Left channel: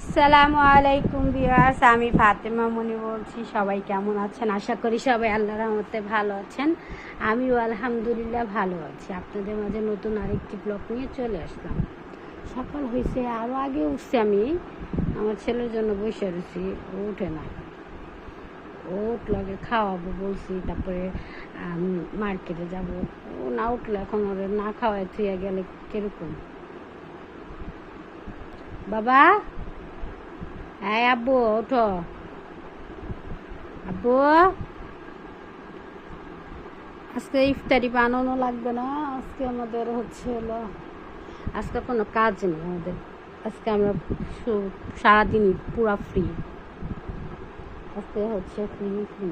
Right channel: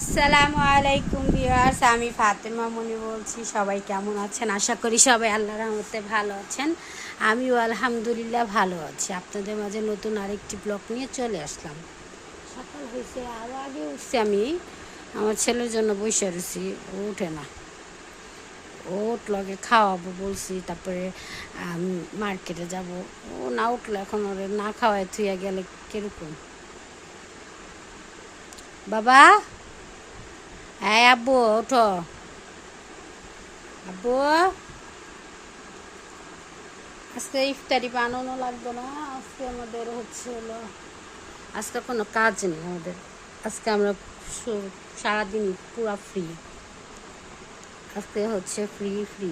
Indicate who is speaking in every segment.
Speaker 1: আসসালামু আলাইকুম ভিউয়ার্স, আমি ফাতেমা মনি বলছি, সবাই কেমন আছেন? আশা করি সবাই আল্লাহর রহমতে ভালো আছেন। আমিও আলহামদুলিল্লাহ ভালো আছি। আপনাদের মাঝে নতুন আরেকটি ব্লগ নিয়ে চলে আসলাম। সকাল হয়েছে আরও আগে উঠছি আমি। আমার ছেলের জন্য বসে রয়েছি, ও উঠে না। ও উঠল, আগে খাওয়াবো বলছি, তারপরে মার্কেটে যাব। ও না উঠল, এখন ওর না খাওয়ায় থুয়ে গেলে কীরকম? বাবা? হ্যাঁ আব্বু ওঠো আব্বু, আজকে ইফতারি বানানো লাগবে না, আজকে আমাদের হচ্ছে হলো, আজকে কোনো কাজ নেই আমাদের। আজকে আমরা সারাদিনই পুরা ফ্রি আজকে হচ্ছে ফ্রি ফ্রি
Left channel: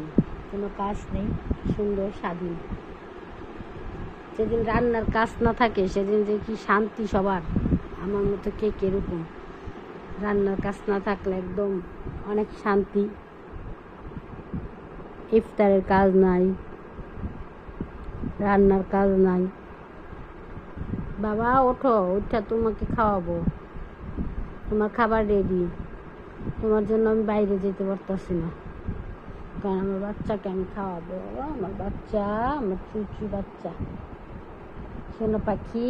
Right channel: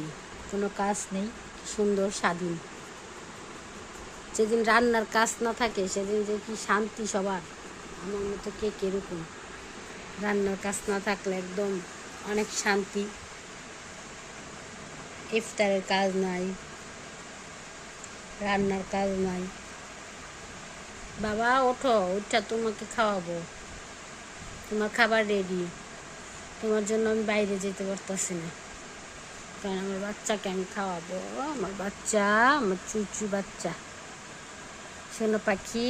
Speaker 1: কোনো কাজ নেই, সুন্দর স্বাধীন। যেদিন রান্নার কাজ না থাকে, সেদিন যে কি শান্তি সবার। আমার মতো কে কীরকম রান্নার কাজ না থাকলে একদম অনেক শান্তি। ইফতারের কাজ নাই, রান্নার কাজ নাই। বাবা, ওঠো ওঠা তোমাকে খাওয়াবো। তোমার খাবার রেডি তোমার জন্য আমি বাইরে যেতে পারতাছি না। কারণ আমার বাচ্চাকে আমি খাওয়াবো। আমার বাচ্চা, আমার চুচু বাচ্চা। সোনা পাখি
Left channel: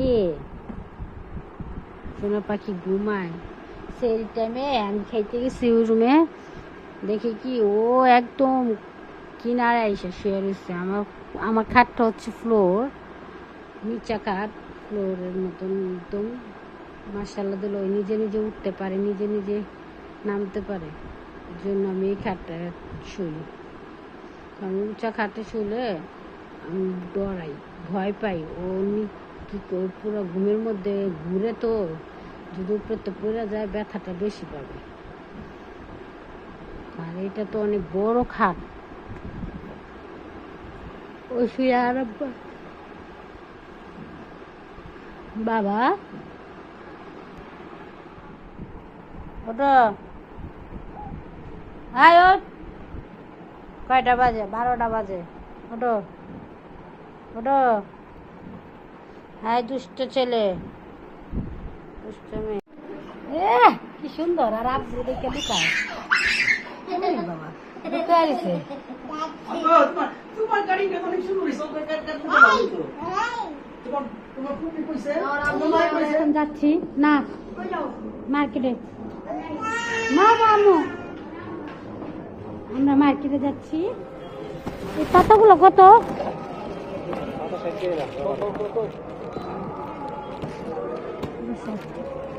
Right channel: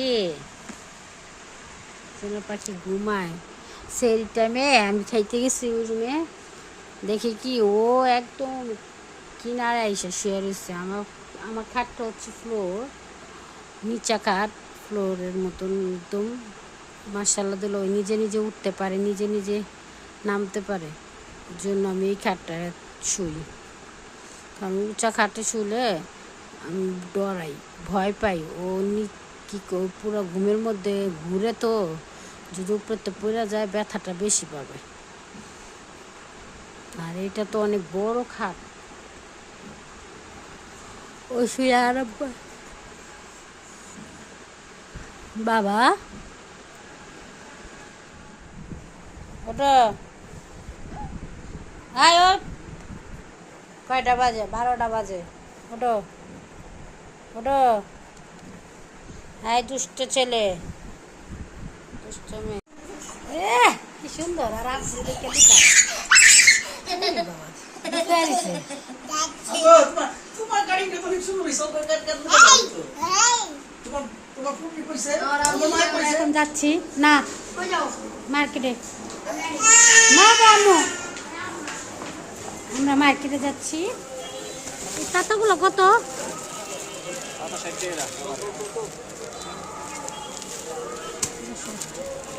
Speaker 1: সোনা পাখি ঘুমায়। সেই টাইমে আমি খাইতে গেছি ওই রুমে। দেখি কি, ও একদম কিনারে এসে শুয়ে রয়েছে। আমার আমার খাটটা হচ্ছে ফ্লোর নিচা খাট ফ্লোরের মতন একদম। মার্শাল্লাহ দিল নিজে নিজে উঠতে পারে, নিজে নিজে নামতে পারে। জন্য আমি এই খাটটা শুই। আমি উঁচা খাটে শুলে আমি ডরাই, ভয় পাই। ও কি পুরো ঘুমের মধ্যে ঘুরে তো যদি উপরতে পড়ে যায়, ব্যথাটা বেশি পাবে। আর এটা তো অনেক বড় খাট। ও শুয়ে পায়। বাবা? ওটো আয় কয়টা বাজে? বারোটা বাজে। ওটো ওটো হাই দুষ্ট ছেলে। এ কি সুন্দর আর আব্বু দেখে লুকায়। বাবা লুকায় দিছে
Speaker 2: তোমার তোমার তোমার ফুপি কইছে?
Speaker 1: এখন যাচ্ছি। না মার্কেটে। না বামু আমরা মার্কেটে যাচ্ছি। এই পাতাগুলো কত? দেখা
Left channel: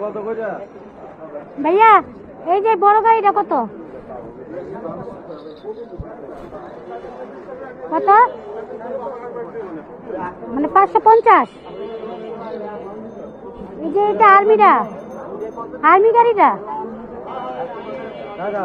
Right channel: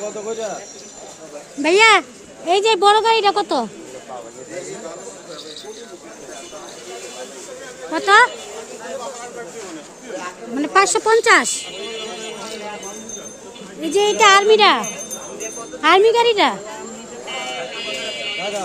Speaker 1: কত
Speaker 3: কত?
Speaker 1: ভাইয়া, এই যে বড় গাড়িটা কত? কত? মানে পাঁচশো পঞ্চাশ। এই যে এটা আর্মিটা? আর্মি গাড়িটা?
Speaker 3: দাদা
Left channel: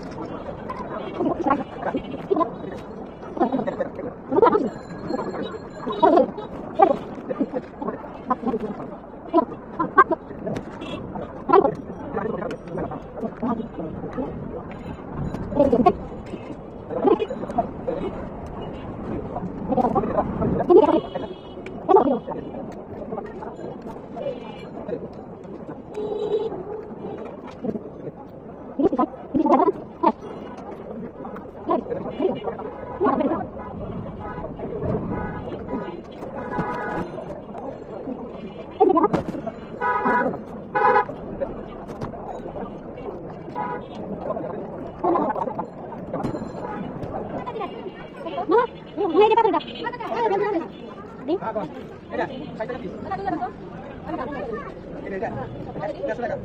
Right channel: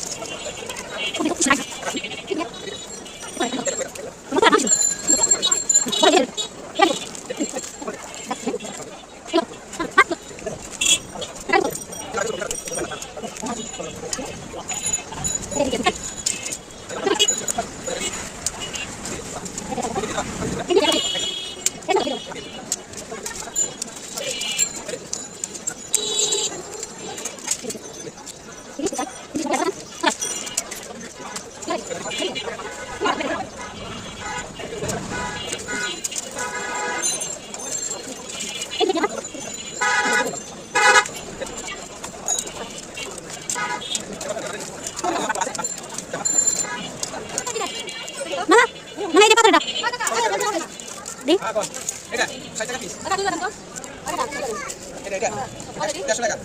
Speaker 2: এটা 150 টাকা।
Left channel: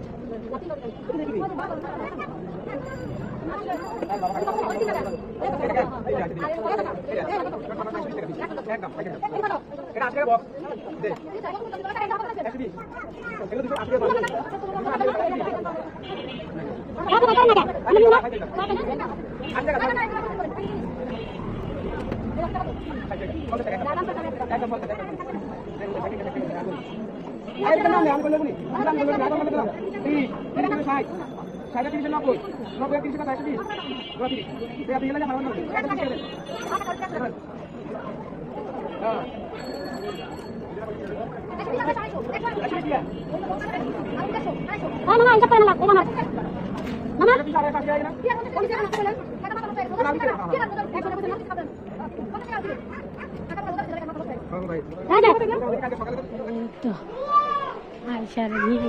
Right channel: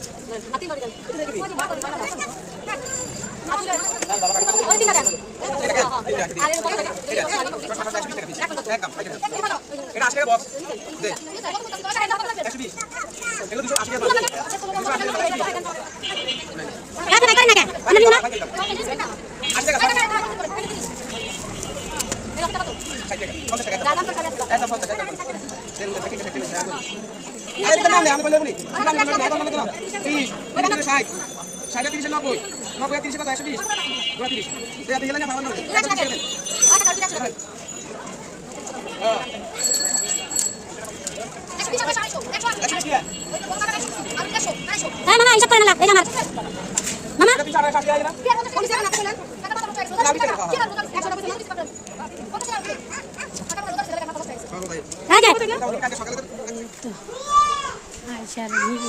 Speaker 2: এটা 80 টাকা বক্স দে। 120 এগুলো 280 টাকা বক্স 80 টাকা একদম 50 টাকা আরে দাম নেই আমি বলে বলি দাম দাম দাম দাম দাম 30 30 60 60 30 90 90 30 কত 120 পুরো 30 দে দে গেলে না আমার
Speaker 1: হ্যাঁ মামা হিসাব করে না এই আমার মামা হ্যাঁ যে তো আইসার নিয়ে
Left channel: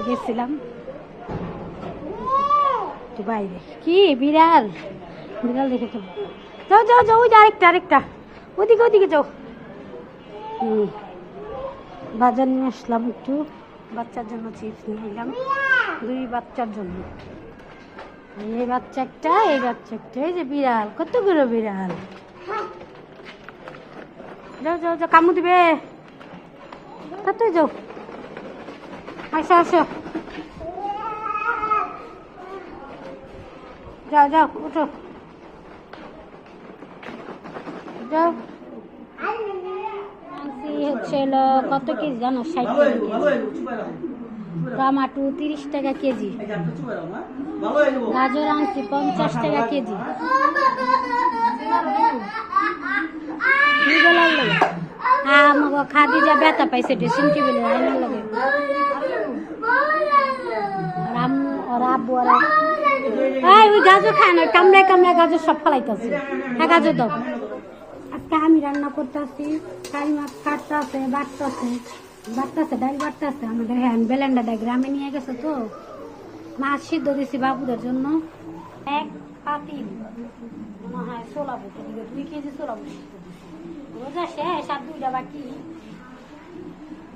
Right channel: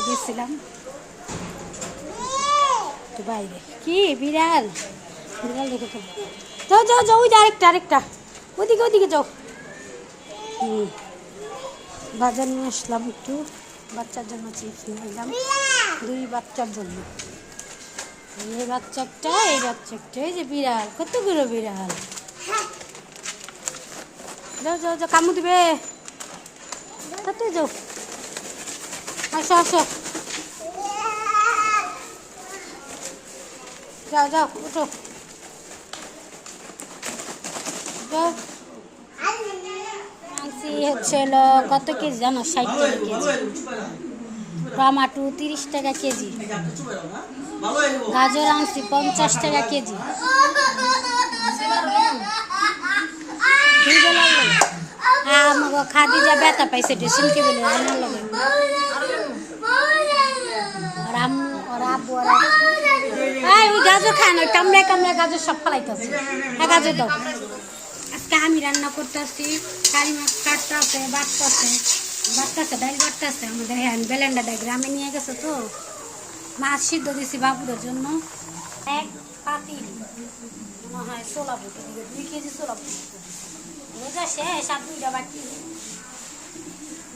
Speaker 1: গেছিলাম। তো বাইরে। কি বিড়াল? যাও যাও যাও, ওই যে আরেকটা আরেকটা। ওদিকে ওদিকে যাও। বাজার নিয়ে আসলাম একটু। বাচ্চার জন্য চিপস নিয়ে এলাম দুই বাচ্চার জন্য। এই বাচ্চা একটা এই বাচ্চা একটা এই যে বিড়াল, কতগুলো বিড়াল? যাও যাও যাও, কামু দিবে। তাতে যাও। আসো আসো। যাও যাও উঠো হচ্ছে কত কেজি জানো? ষাট টাকা কেজি। টমাটো তিরিশ টাকা কেজি। গাজর আনছি পঞ্চাশ টাকা কেজি। খাদি যা ব্যথা পাইছে ড্রেসিং টেবিলে আনার লগে। আম্মু আর আব্বু ওই গাজর খায় না কামড়ায় কামড়ায় গাজর সব ফলাইতেছে। হ্যাঁ গাজর দাও। আজকে আমি রান্না করতেছি কারি মাছ কাটতেছে বাটতেছে বাটতেছে ডাইল বাটতেছে। আমাদের হ্যান্ড ব্যালেন্ডারটা গ্রামে নিয়ে গেছে তো। মাছ সিদ্ধ দিছি বাবুদের জন্য। এক পাতিল মনে হয় ছোলা বুটি দিবে দুই কেজি ছোলা বুটি। রোজা শেষ আর দুইটা বাকি।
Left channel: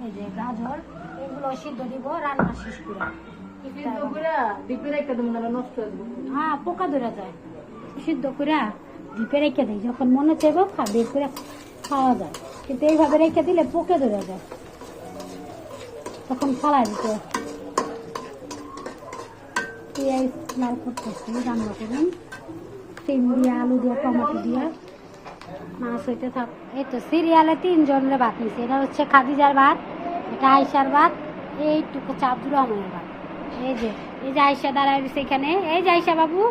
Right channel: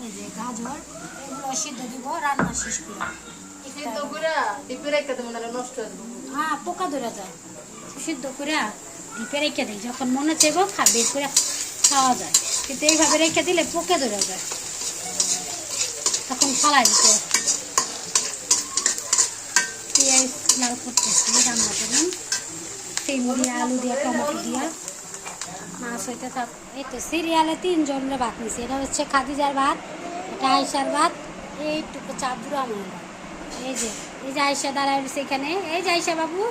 Speaker 1: এই যে গাজর এগুলো সিদ্ধ দিব রান্না শেষ করে। হ্যাঁ পোকা ধরে যায়। সিদ্ধ করে ডিপে রেখে দিই, যখন মনে চাইব খা, বের করে খাওয়া যায়। কিন্তু এইভাবে রেখে দিলে পোকে ধরে যায়। তখন ফালাই দিতে পেঁয়াজ লাল করতেছি, রান্না করলাম সিম দিয়ে, আলু দিয়ে, টমেটো দিয়ে। মাছ হইতে থাক, এই তো সিরিয়ালে তিনজনের ভাত নিছে। এটা হচ্ছে খাদিজার ভাত, এটা আয়সার ভাত, এইটুকু চাবুর আমার ভাত। এই যে এই যে আয়সা দাঁড়ায় এখানে। এই যে আয়সা বাবু,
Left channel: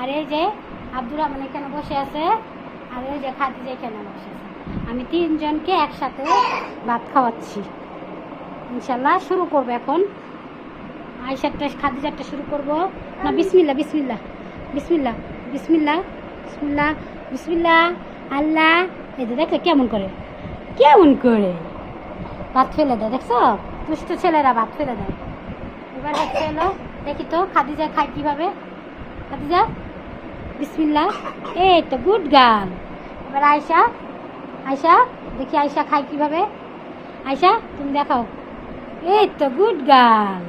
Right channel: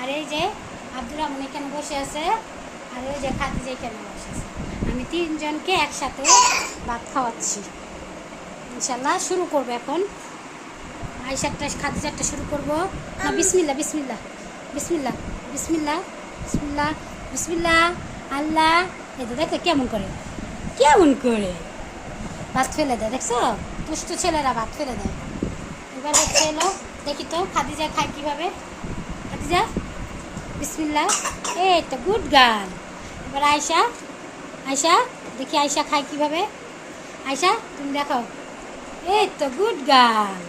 Speaker 1: আর এই যে আব্দুর রহমান এখানে বসে আছে, আর ওই যে খাদিজা এখানে বসে আছে। আমি তিনজনকে একসাথে ভাত খাওয়াচ্ছি। ইনশাল্লাহ শুরু করব এখন। আইসারটা খাদিজারটা শুরু করব। না বিসমিল্লা বিসমিল্লা বিসমিল্লা বিসমিল্লা বিসমিল্লা বিসমিল্লা আল্লাহ। এই তো দেখো কেমন করে কেমন করে। ভাত ফেলে দেয় দেখছ? দুষ্ট ছেলেরা ভাত ফেলে দেয়। এবার হচ্ছে এলো দেখি তো খাদিজা খায় কীভাবে। খাদিজা? বিসমিল্লা এই তো গুড গার্ল এবার আয়সা আয়সা দেখি আয়সা খায় কীভাবে। আয়সা তুমি দেখাও। এই তো গুড গার্ল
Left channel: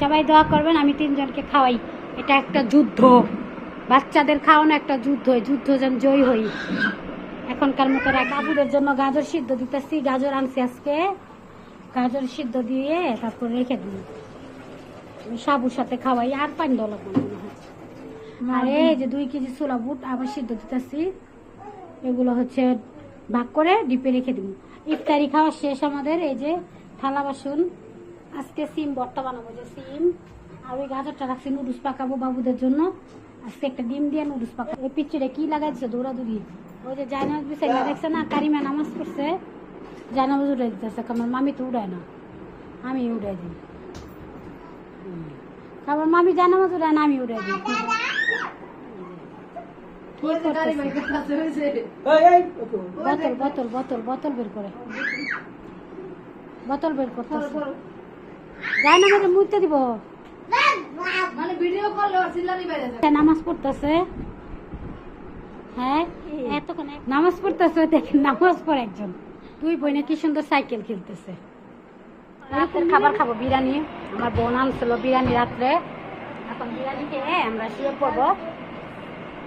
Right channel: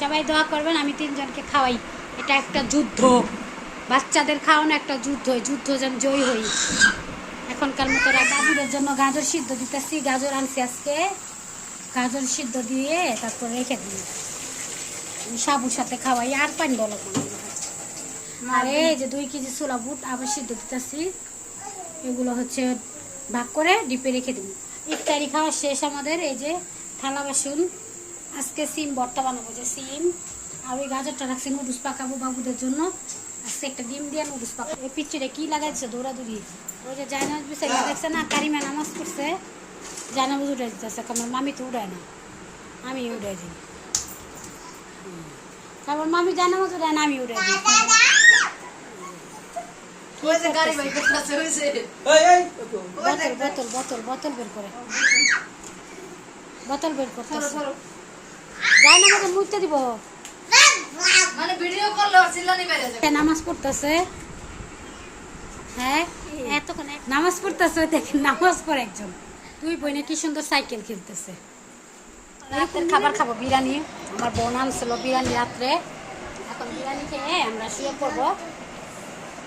Speaker 1: সবাই দোয়া করবেন, আমি তিনজনকে খাওয়াই। এটা একটা যুদ্ধ। বাচ্চাদের খাওয়ানো একটা যুদ্ধ যুদ্ধ যেন জয় হই এখনকার মতো রা- বাবুদের জন্য গাজর সিদ্ধ দিতেছি, গাজর আনছি আজকে। গাজর সিদ্ধ দিয়ে তারপর রেখে দিই। সাবুর সাথে খাওয়াই, আর পানি হয় আর এই যে দুই কেজি ছোলা বুট আবার সিদ্ধ দিতেছি। এগুলো হচ্ছে ভাগ করে ডিপে রেখে দিব। ইফতারি খাওয়া শেষ আমাদের এই যে থালা বাসন। আজকে সিম ভর্তা বানাবো যে সিম। আর ওই গাজরটা রাখছি নুডলস পাকাবো বাবুদের জন্য। আজকে একটা ডিম দিয়ে নুডলস পাকাবো। এই পিচ্ছিরে কি লাগাইছে দৌড়াদৌড়ি? ওই যে জায়নাজ বিছাই দেখছে না কারিমা নামাজ পড়ছে। জায়নাজ উড়ে দিতেছে আমার মামি তো উড়ায় না। আমি উড়াই দিই। আমার মামি জায়নামাজ উড়ায় না আমি উড়াই দিই কি করতেছে
Speaker 2: এই এই ওটো
Speaker 1: বোতল বোতল বোতল বোতল বের করে। বোতল বের করতেছে। যায় না আমাকে মুইতে দিব।
Speaker 4: মানে ভিডিও করলে চিল্লানি বেড়ে যায়
Speaker 1: নামাজ পড়তেছে। হ্যাঁ এতক্ষণে। নামাজ পড়তেছে দেখেন নামাজ পড়ে একজন। দুই বোনে কি সুন্দর সাইকেল খেলতেছে। এরকম খাবার খাব বিরিয়ানি। আমার বোন আনছিল বিরিয়ানি রাত্রে। এখন বিরিয়ানি খেয়ে আমরা শুয়ে পড়ব।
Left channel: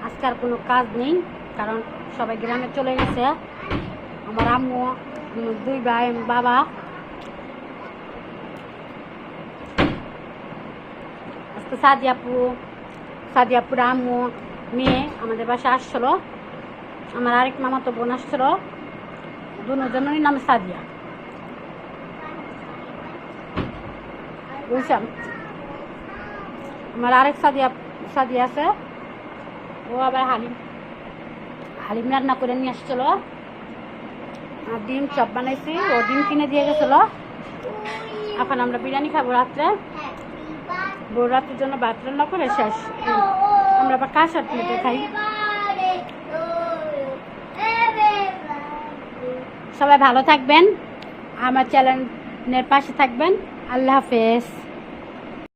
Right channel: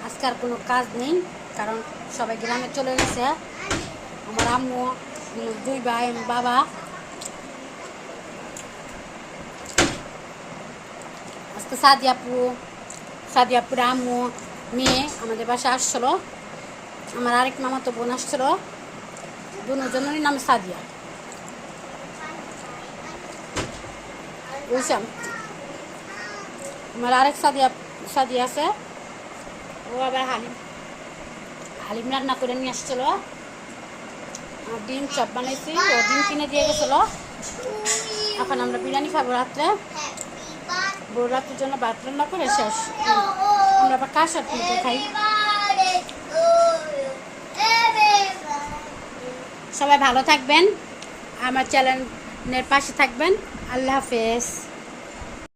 Speaker 1: আজকে আর কোনো কাজ নেই, কারণ সবাই গ্রামে চলে গেছে। আমার আম্মু, দুই ভাই, বাবা। আজকে সাদিয়াপু সাদিয়াপুর আম্মু, মেয়ে আমাদের বাসায় আসছিল। আমার আরেক মামা তো বোন আসছিল। দুজনেরই নাম সাদিয়া। বুঝছেন? আমার আরেক সাদিয়া সাদিয়া আছে। ও আবার হালিম হালিম রান্না করে নিয়ে আসছিল। আর ডিম চপ বানাইছি, ও ডিম কিনে দিয়ে গেছিল। এখন আমরা বিরিয়ানি খাব রাত্রে। বড় রাতের জন্য ভাত রান্না করে শেষ। আমরা আবার কাঁসার প্লেটে খাই। সবাই ভালো থাকবেন। আমার চ্যানেলের পাশে থাকবেন। আল্লাহ হাফেজ।